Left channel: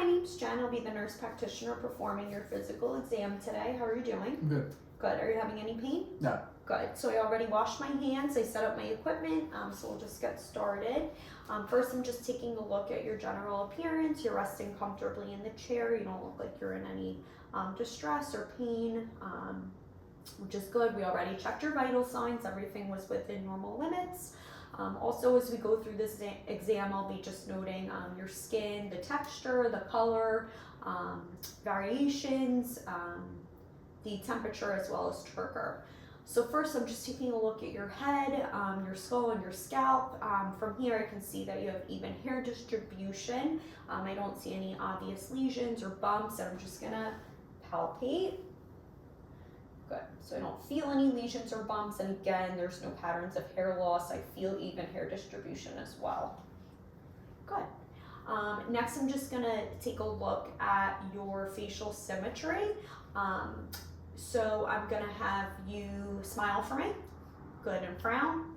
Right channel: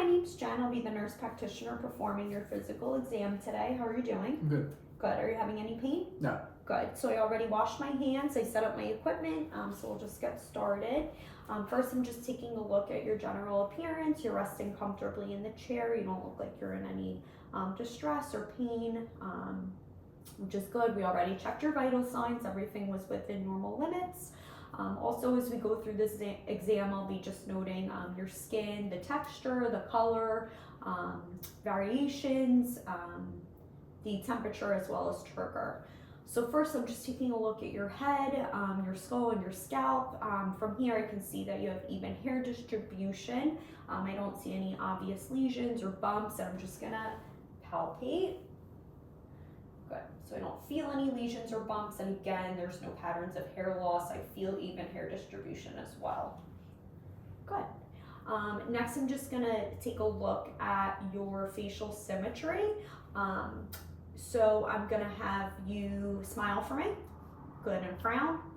my name's Jen. I'll be the nurse practitioner performing your physical exam today. How are you doing? Good. Good. Are you having any pain? No. Good. So I already washed my hands. I set up my equipment, so we'll just get started. First, I'm just taking a look at your general appearance. You're resting comfortably in the chair. You don't look like you're in any distress or pain, which is good. We already checked your vital signs. Everything was within normal limits. Also, as we go through this exam, I'll be just noting your skin, the texture, the color, variations, the temperature, as well as trigger. So first, I'm just taking a look at your head, your skull, and your scalp. From here, I can see that you have even hair distribution. I don't see any obvious lesions or bumps, and I'm just gonna palpate. Good. So I don't feel any lesions or bumps, and again, there's no patterns of hair loss. I feel even hair distribution as well. Good. Next, I'm just gonna take a look at your facial symmetry. So I'm gonna have you smile for me. Good, and frown.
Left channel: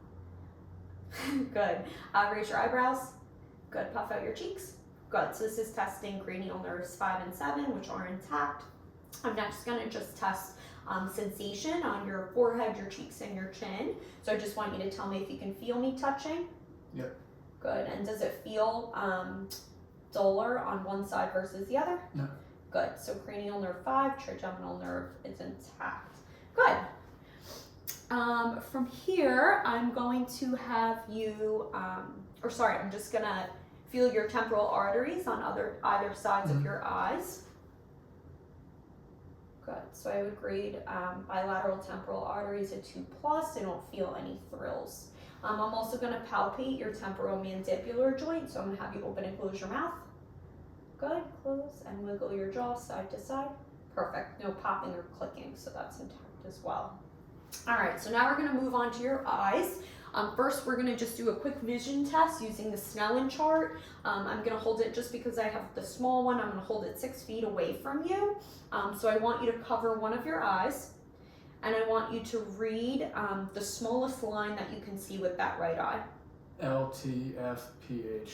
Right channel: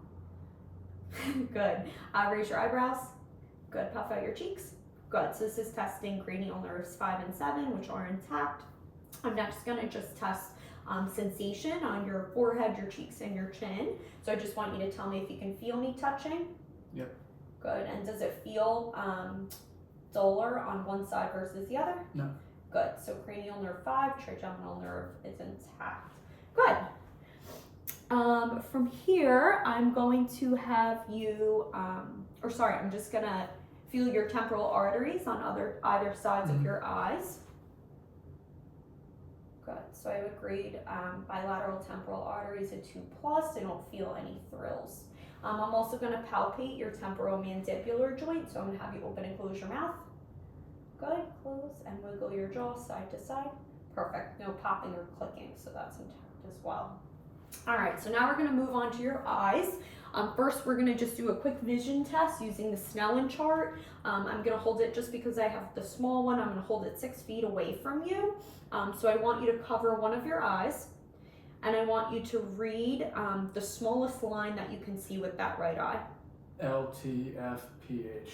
Good. Raise your eyebrows. Good. Puff out your cheeks. Good. So this is testing cranial nerves 5 and 7, which are intact. I'm next gonna just test sensation on your forehead, your cheeks, and your chin. So I just want you to tell me if you can feel me touching. Yep. Good. And does it feel duller on one side versus the other? No. Good. So cranial nerve 5, trigeminal nerve is intact. Good. From here, I'm going to have you, I'm just gonna feel your temporal arteries on either sides of your eyes. Good. So I would grade bilateral temporal arteries a 2+. I don't feel any thrills. I'm also going to palpate your temporomandibular joint. So I'm going to have you open and close your mouth. Good. Close and wiggle your jaw side to side. Perfect. No popping or clicking, so that's intact as well. All right. So now we're going to move on to your eyes. First, we're going to just do a quick vision test using the Snellen chart. I'm going to hold it just because I have the small one. I'm going to hold it 6 feet away from you. So I want you to cover one of your eyes, and I want you to read the smallest line that you can see with that right eye. LTFPH.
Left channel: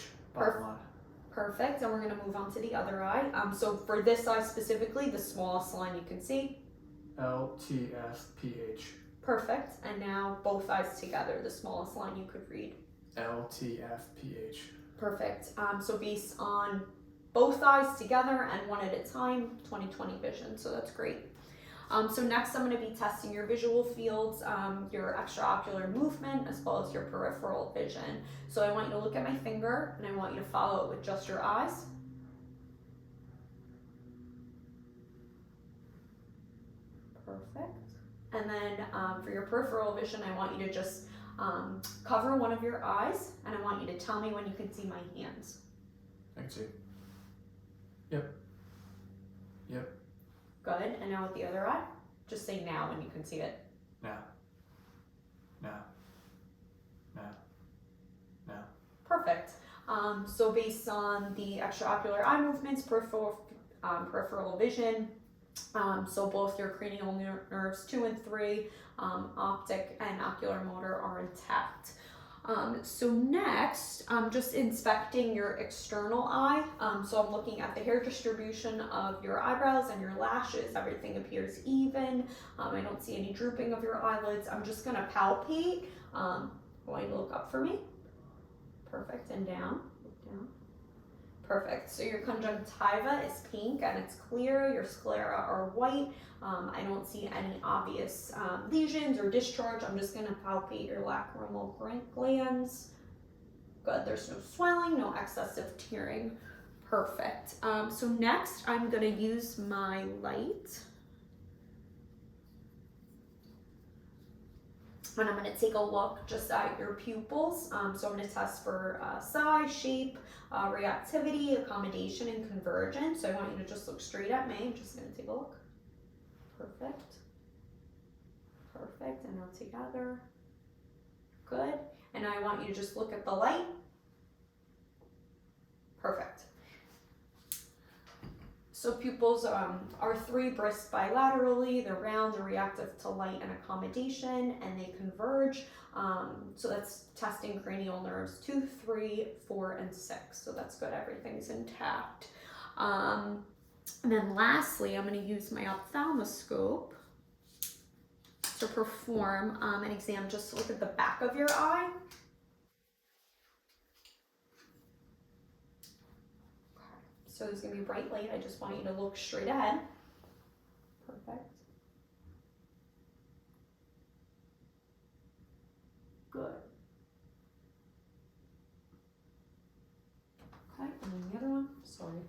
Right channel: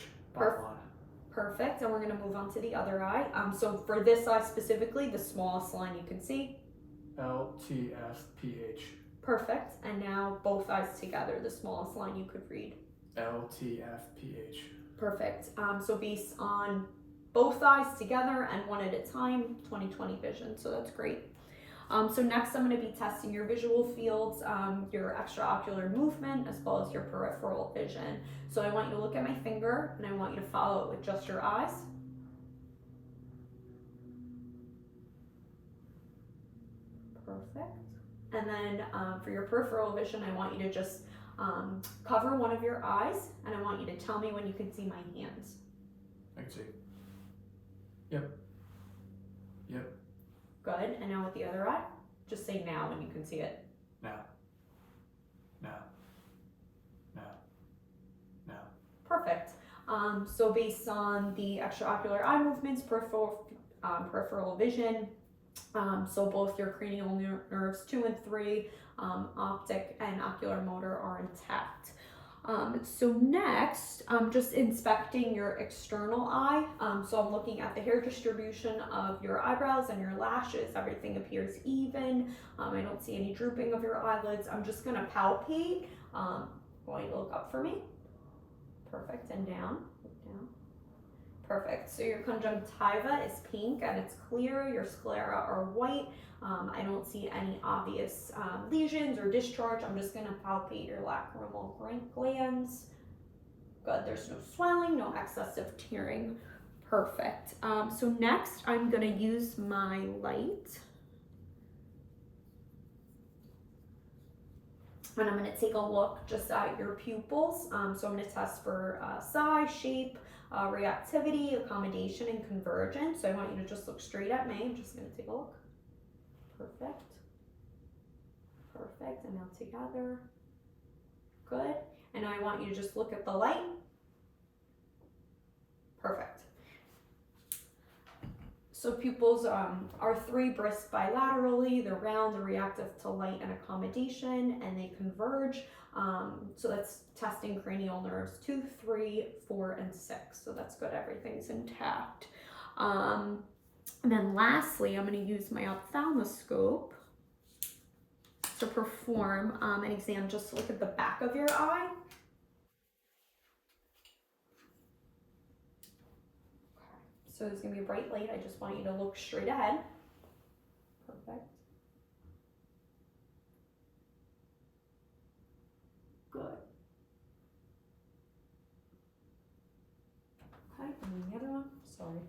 Perfect. And we're going to move on to the other eye. So for this eye specifically, the smallest line you can see. LTFPH. Perfect. And now both eyes together, the smallest line you could read. LTFPH. Perfect. So based on both eyes together and one at a time, 20/20 vision. So that's great. So next I'm going to be testing your visual fields, your extraocular movement, as well as your peripheral vision. So I want you to look at my finger, and I want you to follow it with just your eyes. Perfect. And then for your peripheral vision, I want you to just cover one of your eyes, and I want you to tell me when you can see my hands. I can see. Yep. Yep. Good. And now with the other eye, just say now when you can see it. Now. Now. Now. Now. Perfect. So based on the extraocular eye movements, peripheral vision, so both your cranial nerves 2 and 3, optic and ocular motor are intact. So next, I'm just inspecting your external eye. So I'm looking at the hair distribution of your eyebrows and your lashes. Everything appears even. I don't see any drooping of your eyelids. I'm just gonna palpate. Going to look up for me. Perfect, and down, look down. Perfect. So your conjunctiva is pink and it's clear. Your sclera are white. I don't see any obvious lesions or discharge. I'm just going to palpate your lacrimal glands. Good. There's no swelling, no excessive tearing. Perfect. So next, I'm going to use my light. And I'm going to take a look just at your pupils. So I'm going to test for size, shape, reactivity, accommodation, and convergence. So I want you to just look straight at me. I'm just going to take a look. Perfect. Perfect. And now together. Good. And now I want you to just look at the light. Perfect. So pupils are 3 brisk bilaterally. They're round, they're reactive to light and accommodation, and they converge. So that's testing cranial nerves 2, 3, 4, and 6. So that's good. Everything's intact. And then lastly, I'm going to use my ophthalmoscope to perform an exam just to look at the back of your eye. So there's going to be a bright light. I just want you to look straight ahead. Perfect. Good. Okay, and then the other one. Sorry.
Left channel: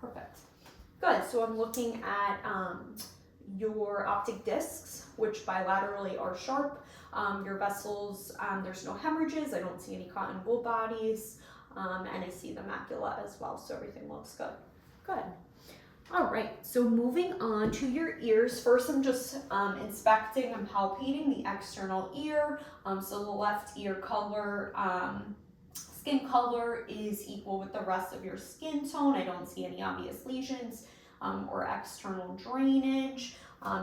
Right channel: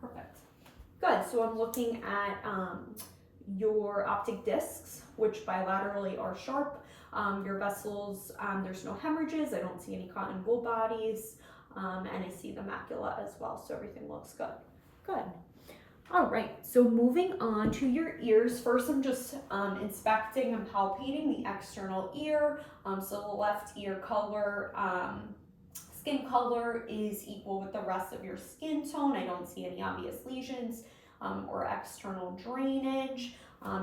Perfect. Good. So I'm looking at your optic discs, which bilaterally are sharp. Your vessels, there's no hemorrhages. I don't see any cotton wool bodies, and I see the macula as well. So everything looks good. Good. All right. So moving on to your ears. First, I'm just inspecting and palpating the external ear. So the left ear color, skin color is equal with the rest of your skin tone. I don't see any obvious lesions or external drainage.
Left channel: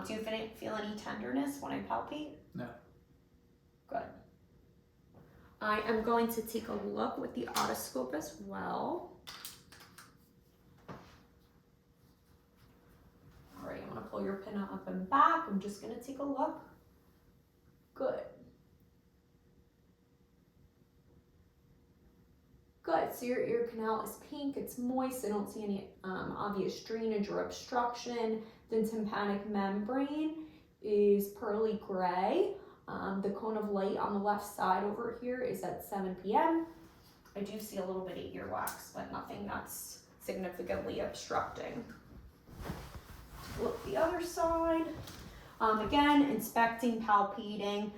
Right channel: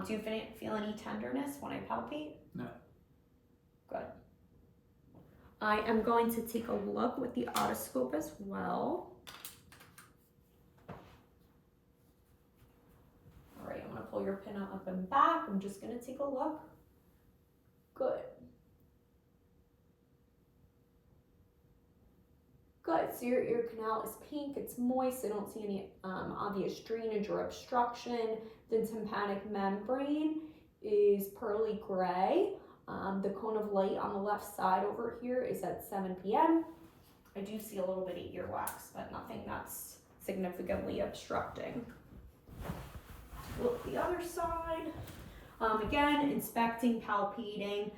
Do you feel any tenderness when I palpate? No. Good. I am going to take a look with the otoscope as well. All right, I'm going to pull your pinna up and back. I'm just going to take a look. Good. Good, so your ear canal is pink, it's moist, I don't see any obvious drainage or obstruction. The tympanic membrane is pearly gray. The cone of light on the left side over here is at 7 p.m. I do see a little bit of earwax, but nothing that's significantly obstructing. Look the other side. Again, inspecting, palpating.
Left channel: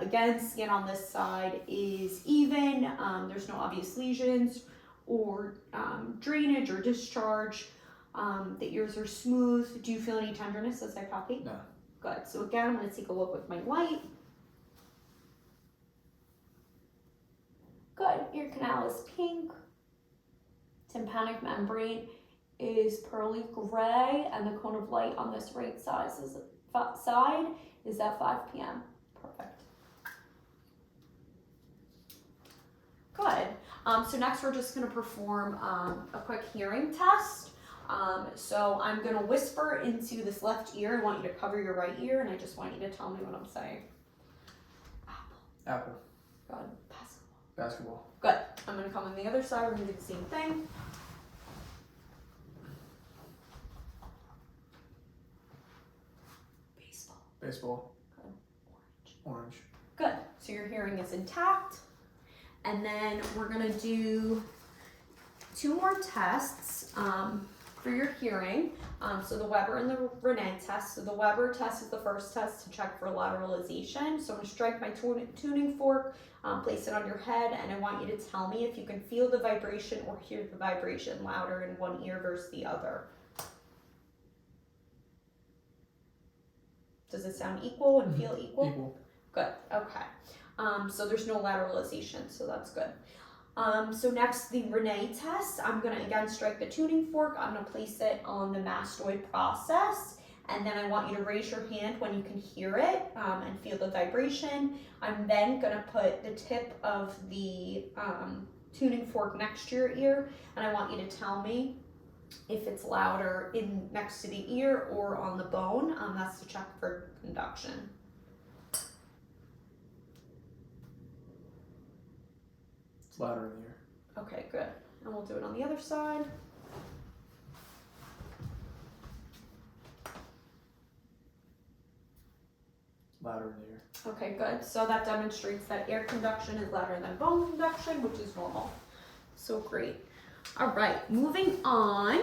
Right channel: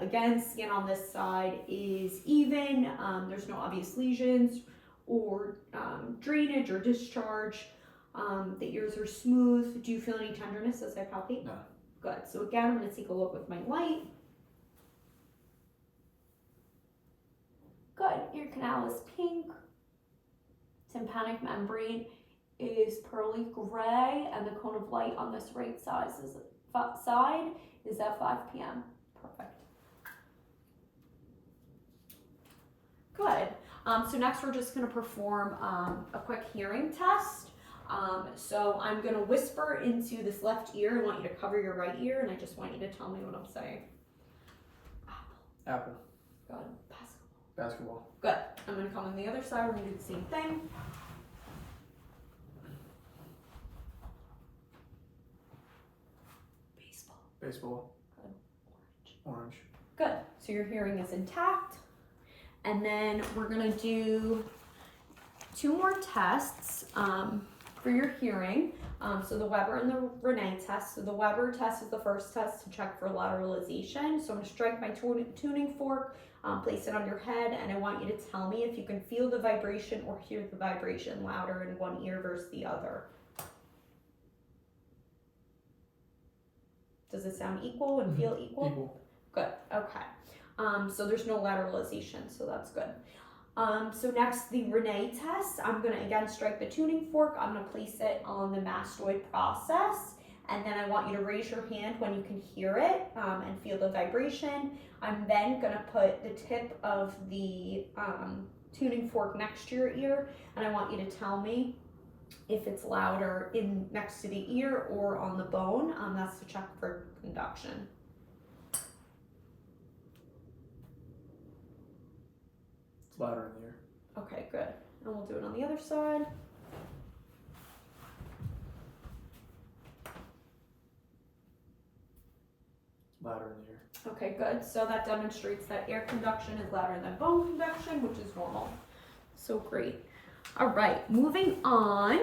Again, skin on this side is even. There's no obvious lesions or drainage or discharge. The ears are smooth. Do you feel any tenderness as I palpate? No. Good. So again, I'm going to take a look with my light. Good. Ear canal is pink. Tympanic membrane is pearly gray, and the cone of light on this right side is at 5 p.m. Perfect. Good. So next we're just going to perform a quick hearing test. So I'm going to whisper into this left ear. I want you to cover your right ear, and I just want you to tell me what I'm saying. Apple. Good. Basketball. Good. I'm going to come on the other side. We're going to do the same thing. Baseball. Good. Orange. Good. So your hearing is intact. And then we're going to do 2 more tests for your hearing. So the Weber and the Rene test. So the Weber test is the first test to check for lateralization. So I'm going to strike my tuning fork, place it on your head, and I want you to tell me if you can feel the vibration or hear the vibration louder in one ear versus the other. Does it sound equal and feel equal? Equal. Good. Okay. So there's no lateralization, so that's good. So next, the Rene test. I'm going to again strike the tuning fork. I'm going to place it on the mastoid process, and then I want you to raise your hand when you can hear it and feel the vibration. I'm then going to put the tip of the tuning fork next to your ear, and I want you to tell me if it's louder in next to the ear or on the bone. That's to check for conduction. It's louder in the ear. Okay, good. And we'll do it on the other side. Louder in the ear. Okay, good. So that demonstrates that air conduction is louder than bone conduction, which is normal. So great. All right, moving on.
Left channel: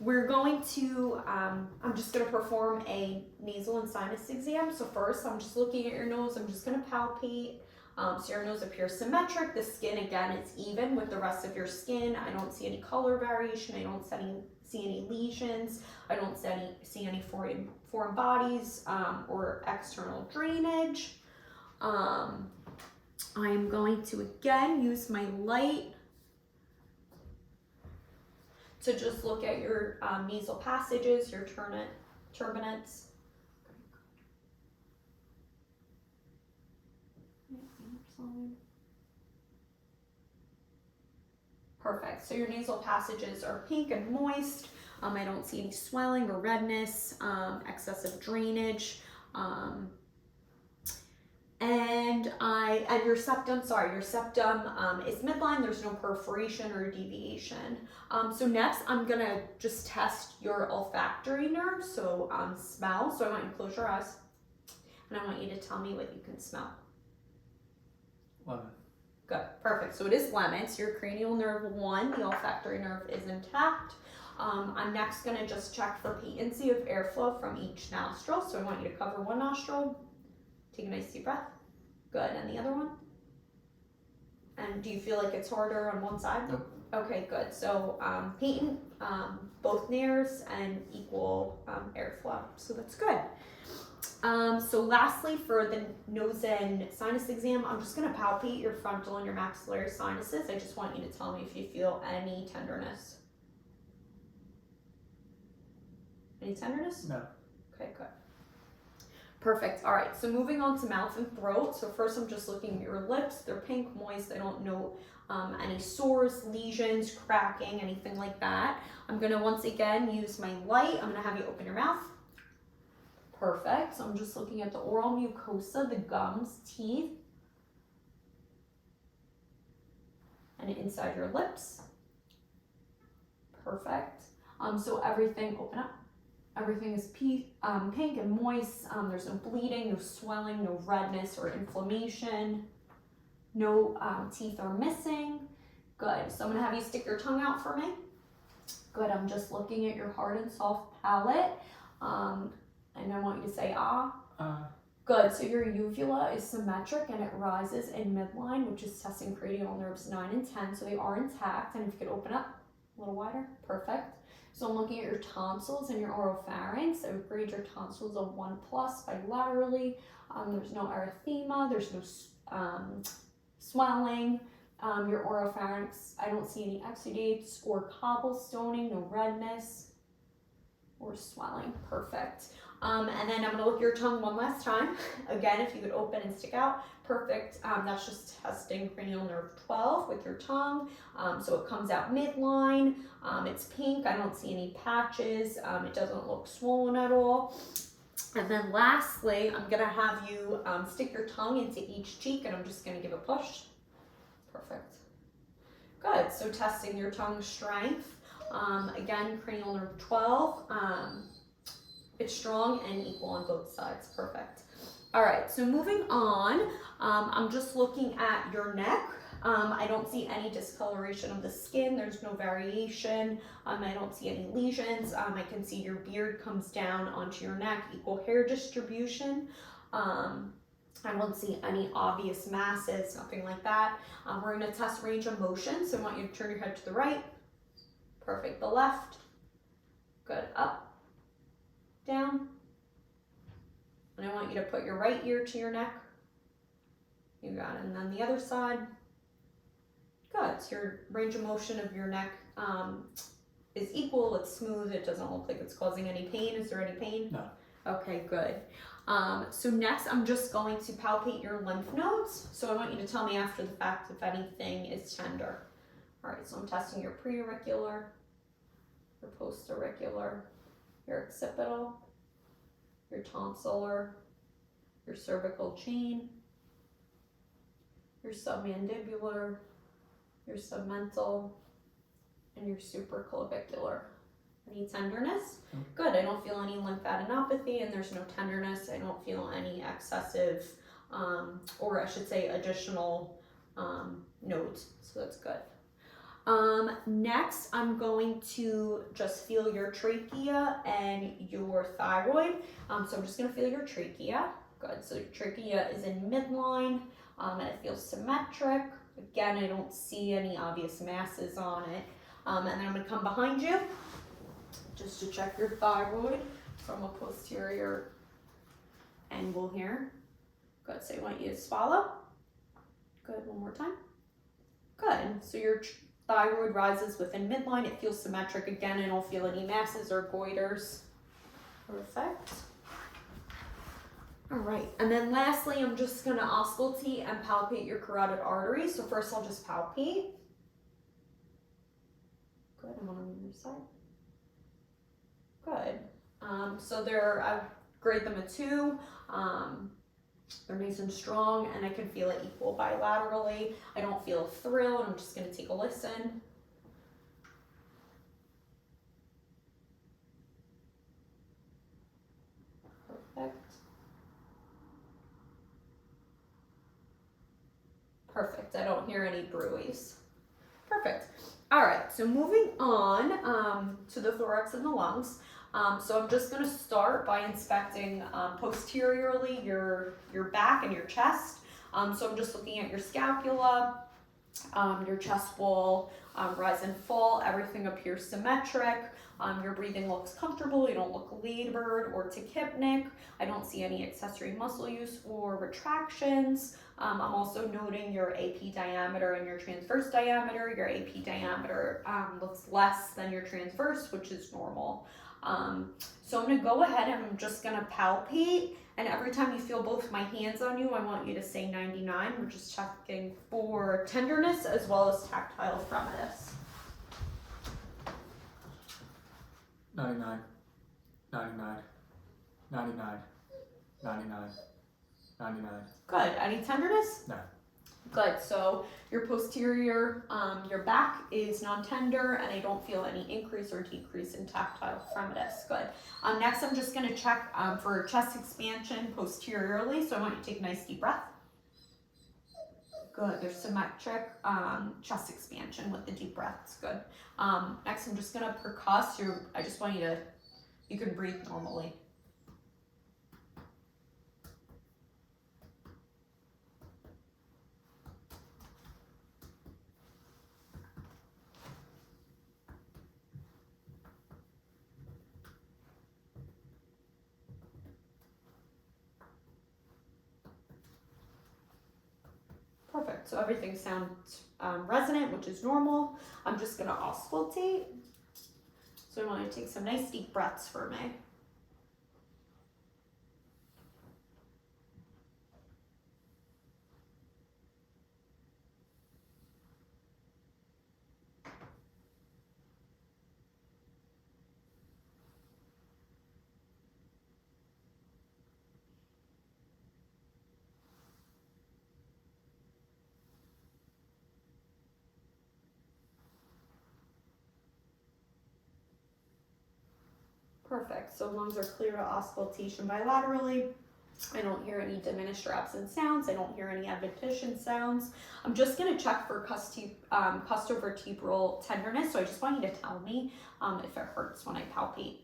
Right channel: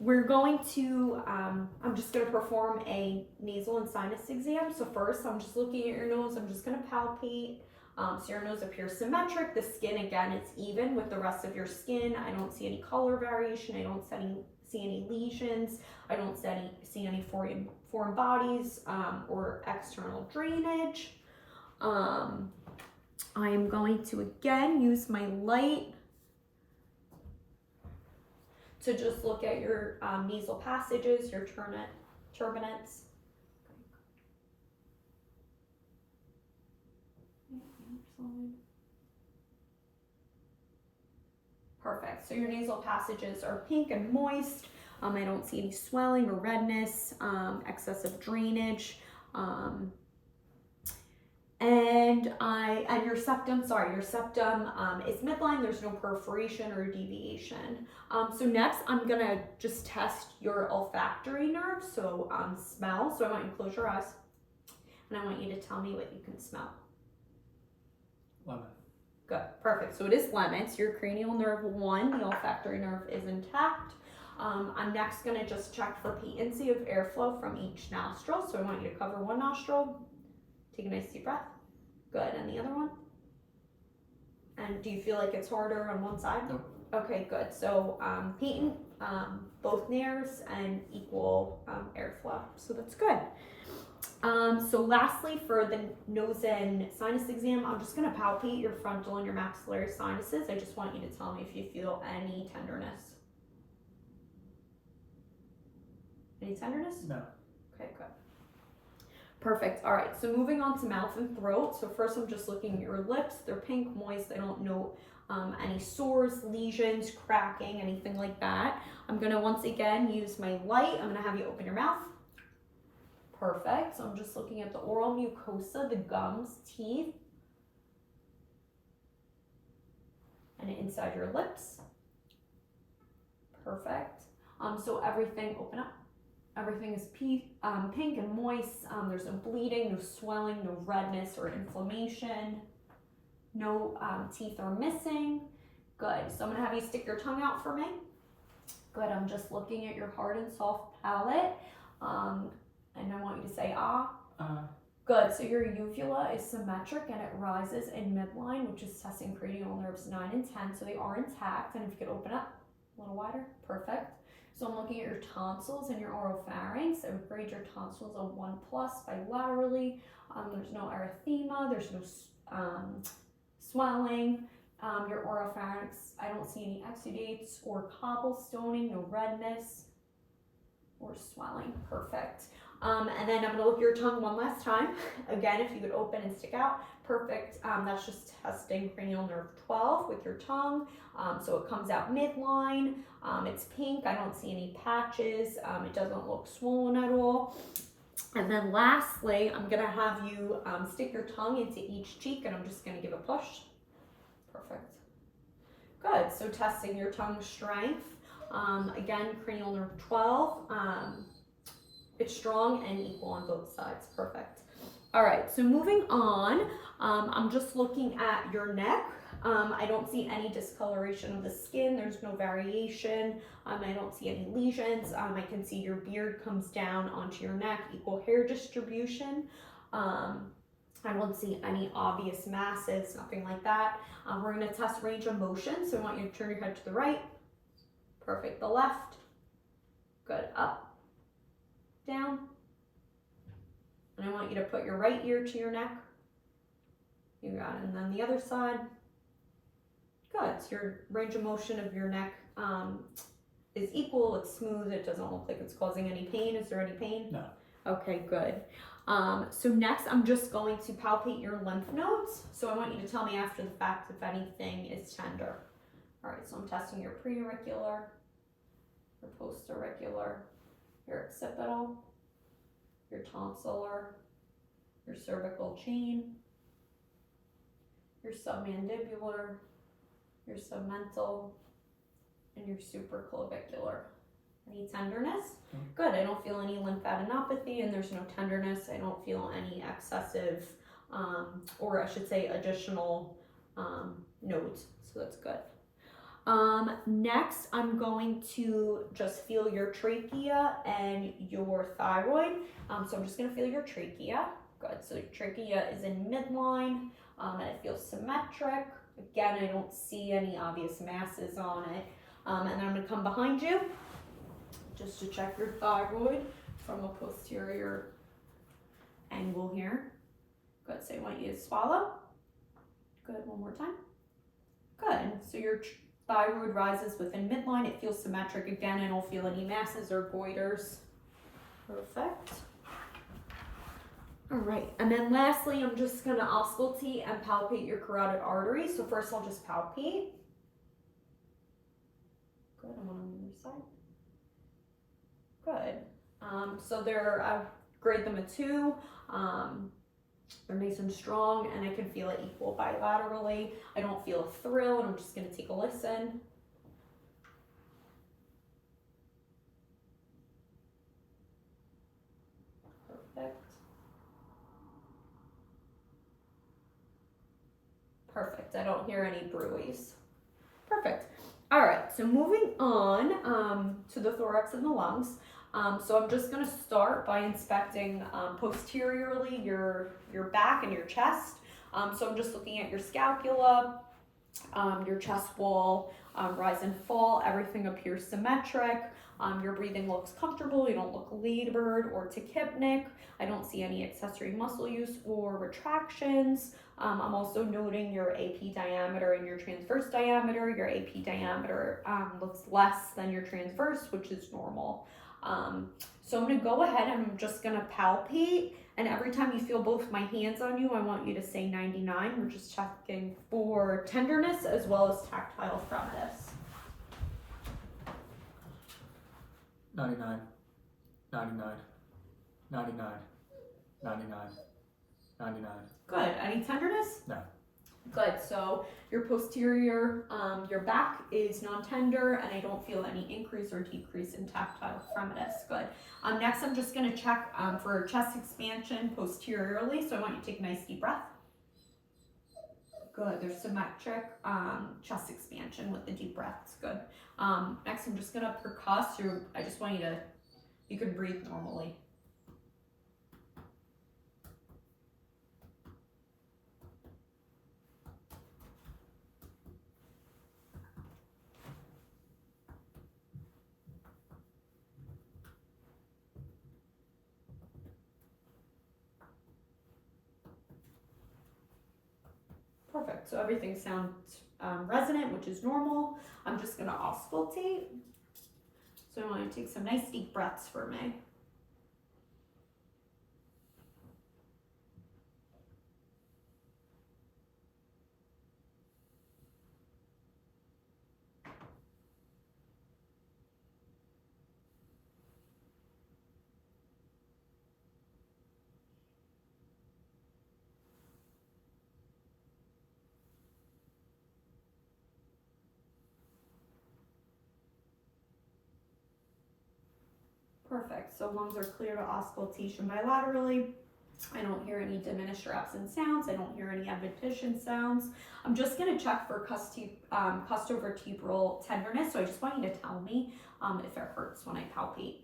We're going to, I'm just going to perform a nasal and sinus exam. So first, I'm just looking at your nose. I'm just going to palpate. So your nose appears symmetric. The skin, again, it's even with the rest of your skin. I don't see any color variation. I don't see any lesions. I don't see any foreign bodies or external drainage. I am going to, again, use my light to just look at your nasal passages, your turbinates. Perfect. So your nasal passages are pink and moist. I don't see any swelling or redness, excessive drainage. And your septum is midline. There's no perforation or deviation. So next, I'm gonna just test your olfactory nerve. So smell. So I want you to close your eyes, and I want you to tell me what you can smell. Lemon. Good, perfect. So it is lemon. So your cranial nerve 1, the olfactory nerve is intact. I'm next gonna just check for patency of airflow from each nostril. So I want you to cover one nostril. Take a nice deep breath. Good, and the other one? And do you feel like it's harder on one side? Nope. Okay, good. So patent, both nares, and equal airflow. So that's good. So lastly, for the nose and sinus exam, I'm just gonna palpate your frontal and your maxillary sinuses. I just want you to tell me if you feel any tenderness. Any tenderness? No. Okay, good. Perfect. All right, so moving on to mouth and throat. So first I'm just looking at your lips. They're pink, moist. I don't note any sores, lesions, cracking, anything like that. I'm gonna once again use my light. I'm gonna have you open your mouth. Perfect. So I'm just looking at the oral mucosa, the gums, teeth, and inside your lips. Perfect. So everything, open up. Everything is pink and moist. There's no bleeding, no swelling, no redness or inflammation. No teeth are missing. Good. So I'm gonna have you stick your tongue out for me. Good. I'm just looking at your hard and soft palate. And I want you to say ah. Good. So your uvula is symmetric and it rises in midline, which is testing cranial nerves 9 and 10. So they are intact. And if you could open up a little wider. Perfect. So I'm looking at your tonsils and your oropharynx. I would grade your tonsils a 1+ bilaterally. There's no erythema. There's no swelling. Your oropharynx, I don't see any exudates or cobblestoning, no redness or swelling. Perfect. And then I'm gonna look at your tongue one last time. Again, if you could open and stick out, perfect. That's just testing cranial nerve 12 with your tongue. So it comes out midline. It's pink. I don't see any patches. It doesn't look swollen at all. And then lastly, I'm gonna have you stick your tongue into each cheek, and I'm just gonna give a push. Perfect. Good. So testing your tongue strength. Again, cranial nerve 12. It's strong and equal on both sides. Perfect. All right, so moving on, I'm just looking at your neck. I don't see any discoloration of the skin. There's no variation. I don't see any lesions. I can see your beard comes down onto your neck, equal hair distribution. I don't see any obvious masses, nothing like that. We're gonna test range of motion. So I want you to turn your head to the right. Perfect, the left. Good, up, down. And I want you to put your right ear to your neck. You got it. And then the other side. Good. So your range of motion of your neck is equal. It's smooth. It doesn't look like it's causing any pain. Is there any pain? No. Okay, good. So next, I'm just going to palpate your lymph nodes. So I want you to tell me after the fact if anything is tender. All right, so I'm testing your preauricular, your postauricular, your occipital, your tonsillar, your cervical chain, your submandibular, your submental, and your supraclavicular. Any tenderness? Good. I don't feel any lymphadenopathy, and there's no tenderness. I don't feel any excessive, or I should say additional nodes. So that's good. Next, I'm going to just feel your trachea and your thyroid. So I'm just going to feel your trachea. Good. So your trachea is in midline, and it feels symmetric. Again, I don't see any obvious masses on it. And then I'm going to come behind you just to check your thyroid from a posterior angle here. Good. So I want you to swallow. Good. One more time. Good. So your thyroid rises within midline. It feels symmetric. Again, I don't feel any masses or goiters. Perfect. All right, and then lastly, I'm just gonna auscultate and palpate your carotid artery. So first I'll just palpate. Good, and on the other side. Good. So I grade them a 2. They're nice and strong, and I can feel it equal bilaterally. I don't feel a thrill, and I'm just gonna take a listen. Perfect. Perfect. I don't hear any bruits. Perfect. All right, so moving on to the thorax and the lungs. So I'm just going to start by inspecting posteriorly your back and your chest. So I'm just looking at your scapula, your chest wall, rise and fall. Everything appears symmetric. Your breathing looks comfortable. You don't look labored or tachypnic. I don't see any accessory muscle use or retractions. I'm also noting your AP diameter and your transverse diameter. Your AP diameter looks less than your transverse, which is normal. So I'm going to go ahead and I'm just going to palpate. And every time you feel both my hands on you, I want you to say 99, which is checking for tenderness as well as tactile firmness. 99, 99, 99, 99, 99. Good. Any tenderness? No. Good. So your posterior, your back is non-tender, and I don't feel any increase or decrease in tactile firmness. Good. Next, I'm just going to check for chest expansion posteriorly. So I want you to take a nice deep breath. Good. There's symmetric chest expansion with the deep breaths. Good. Next, I'm just going to percuss. I just want you can breathe normally. Perfect. So everything sounds resonant, which is normal. I'm just going to auscultate. So I want you to take some nice deep breaths for me. Perfect. So lungs are clear to auscultation bilaterally. I don't hear any diminished or absent sounds. I don't hear any adventition sounds. I'm just going to check for costovertebral tenderness. So I just want you to tell me if it hurts when I palpate.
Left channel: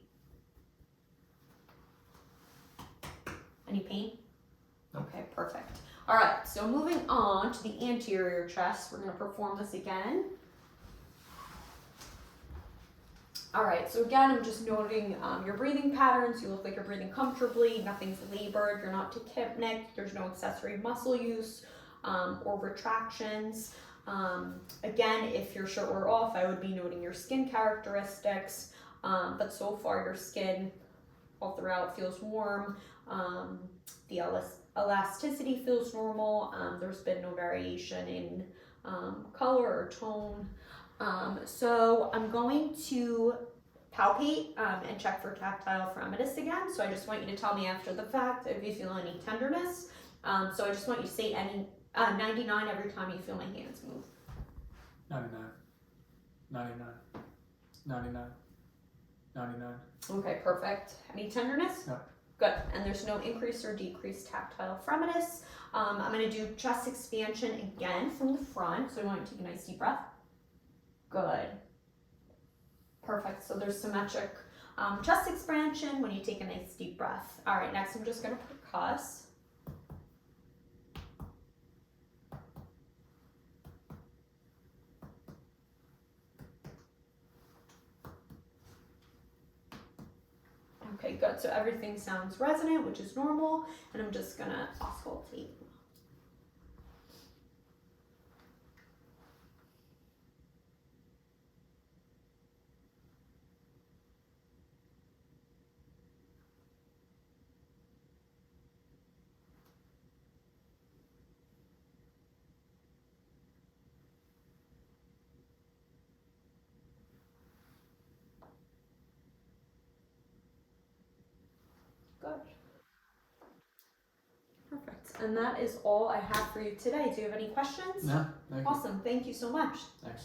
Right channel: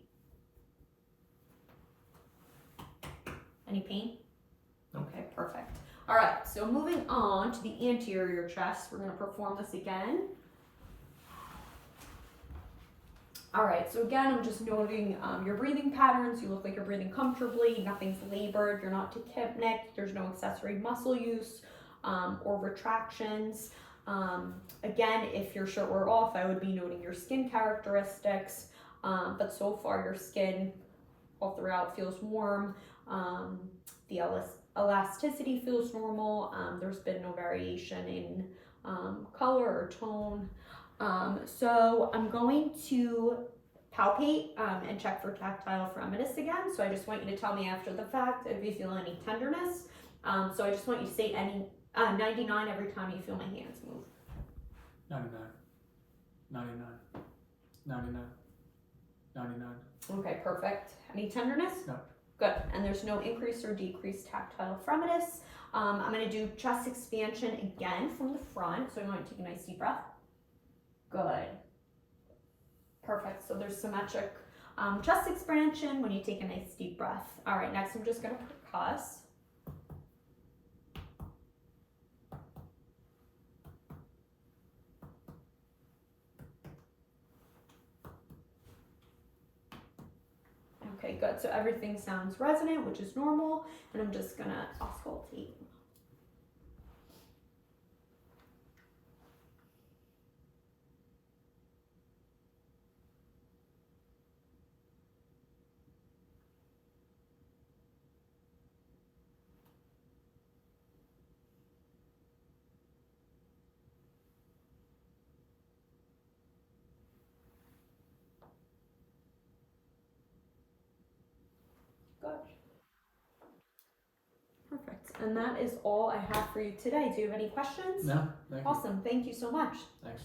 Any pain? No. Okay, perfect. All right, so moving on to the anterior chest, we're going to perform this again. All right, so again, I'm just noting your breathing patterns. You look like you're breathing comfortably. Nothing's labored. You're not tachypnic. There's no accessory muscle use or retractions. Again, if your shirt were off, I would be noting your skin characteristics. But so far, your skin all throughout feels warm. The elasticity feels normal. There's been no variation in color or tone. So I'm going to palpate and check for tactile firmness again. So I just want you to tell me after the fact if you feel any tenderness. So I just want you to say 99 every time you feel my hands move. 99, 99, 99, 99. Okay, perfect. Any tenderness? No. Good. And there's no increase or decrease tactile firmness. I'm going to do chest expansion again from the front. So I want you to take a nice deep breath. Good. Perfect. So there's symmetric chest expansion when you take a nice deep breath. All right, next I'm just going to percuss. Okay, good. So everything sounds resonant, which is normal, and I'm just going to auscultate. And that is all I have for you today. Do you have any questions? No, thank you. Awesome. Thank you so much. Thanks.